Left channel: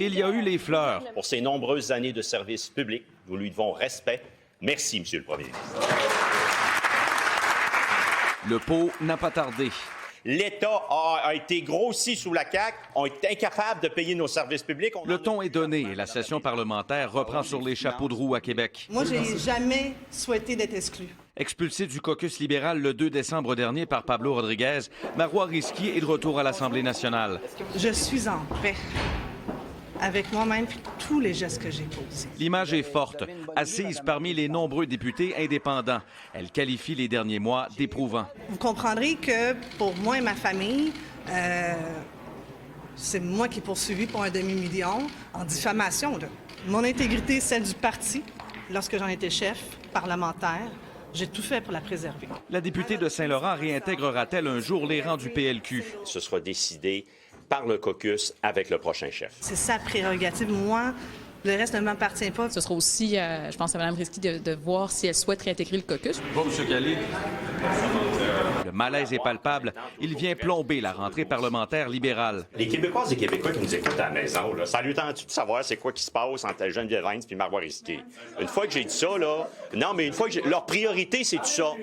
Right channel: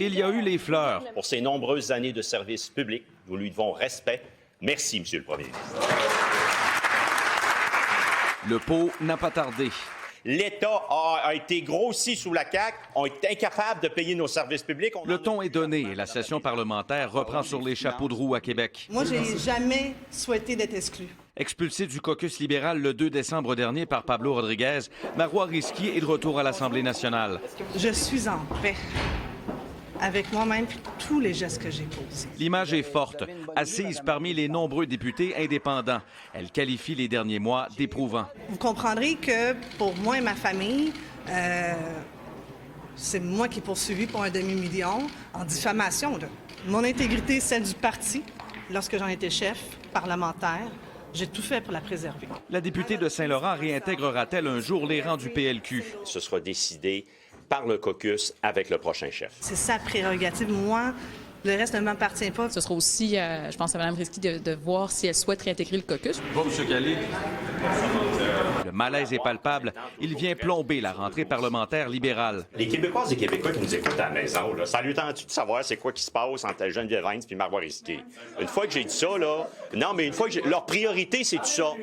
Il y a eu les fleurs. Pour ses nombreuses années de service public, nous lui devons respect. Merci, Monsieur le Premier ministre. Le pot n'a pas tardé. L'État a été grossi sous la CAQ. On est incapable de payer nos services publics. Le ton est donné et la session parlementaire reprend sur les chapeaux de roue à Québec. Moi, j'ai jamais souhaité d'être exclu. Expulsé du caucus libéral le 2 décembre dernier par Pablo Rodriguez, Marois Risky est de retour à l'Assemblée nationale. Je suis en paix avec moi-même et tous les gestes que j'ai posés. L'image est forte. Assise parmi les nombreux députés indépendants, elle qualifie les derniers mois d'éprouvants. Vous comprendrez que pour moi et ma famille, c'est moi qui est poursuivi pour un demi-million en diffamation. Là. Mon intégrité, celle du parti, lorsque j'en étais chef parlementaire, j'ai tout fait pour la préserver. La députée de Saint-Laurent réintégrera-t-elle un jour les rangs du PLQ? Ce sera décidé par le caucus avec le prochain chef. C'est sa prérogative. Moi, le reste ne m'appartient pas. Ce sera aussi, je pense, à Mme Risky de voir si elle souhaite réintégrer le caucus. Bon, M. Galli. Le malaise est palpable. Il vient plomber la rentrée parlementaire libérale. Les Québécoises et Québécois qui nous écoutent à la maison, là, ça lui tente-tu de savoir c'est quoi qui se passe entre Geneviève Hines et Marois Risky? Une fois que j'ai dit ça, là, non, mais une fois que leur priorité, c'est tout ça.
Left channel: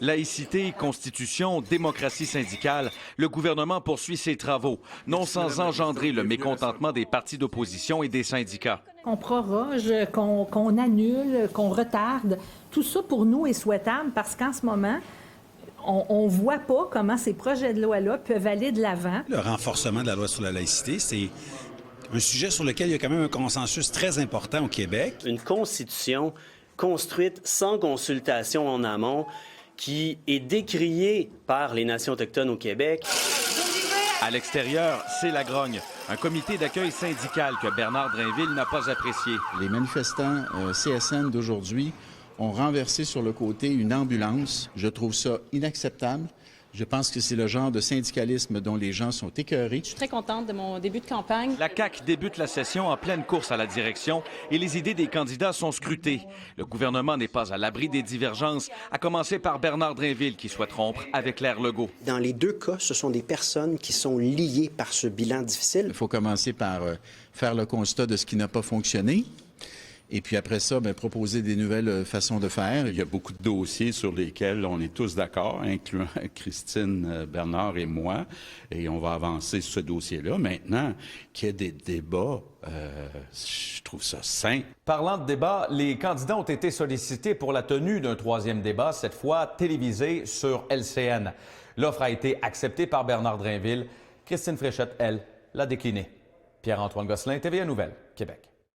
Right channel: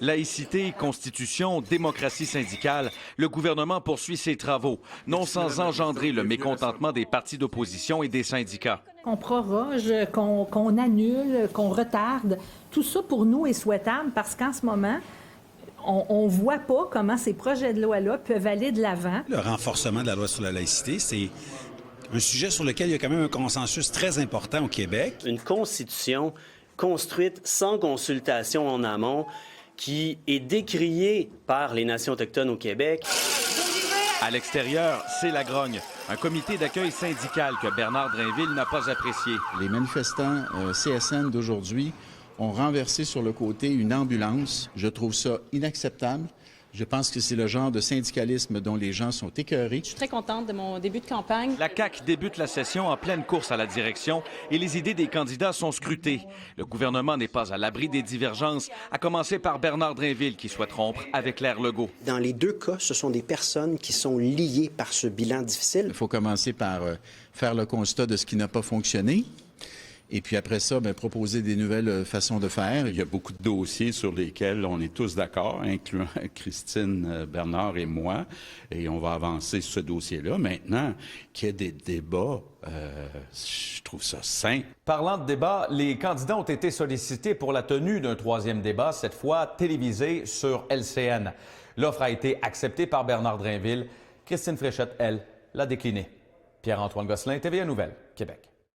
Laïcité, constitution, démocratie syndicale, le gouvernement poursuit ses travaux, non sans engendrer le mécontentement des partis d'opposition et des syndicats. Qu'on proroge, qu'on annule, qu'on retarde, tout ça pour nous est souhaitable parce qu'en ce moment, on ne voit pas comment ces projets de loi-là peuvent aller de l'avant. Le renforcement de la loi sur la laïcité, c'est un sujet sur lequel il y a quand même un consensus très important au Québec. Une constitution construite sans consultation en amont qui est décriée par les nations autochtones au Québec. À l'extérieur, c'est la grogne. Un comité d'accueil syndical que Bernard Drainville n'a pas apprécié. Les manifestants CSN d'aujourd'hui ont renversé sur le côté une ambulance. Je trouve ça inacceptable. Je pense que c'est le genre de syndicalisme dont les gens sont écœurés. Je suis très contente de mon début de campagne. La CAQ débute la session en pleine course à la direction et les idées des candidats sont scrutées. Le gouvernement n'est pas à l'abri des divergences, à commencer par Bernard Drainville qui souhaite rompre avec l'ère Legault. Dans les deux cas, ce sont des personnes qui sont liées par ce bilan difficile. Il faut commencer par faire le constat de ce qui n'a pas fonctionné. Et puis après ça, proposer des nouvelles façons de faire. Il y a beaucoup de dossiers sur lesquels on est tous d'accord, incluant Christine, Bernard et moi, et on va avancer sur ce dossier-là. Maintenant, qu'il y ait des débats, je trouve ça sain. Parlant de débat, les candidats ont été sollicités pour la tenue d'un troisième débat, cette fois télévisé sur LCN. L'offre a été acceptée par Bernard Drainville. Christine Fréchette, elle, l'a déclinée. Pierre-Antoine Gosselin, TVA Nouvelles, Québec.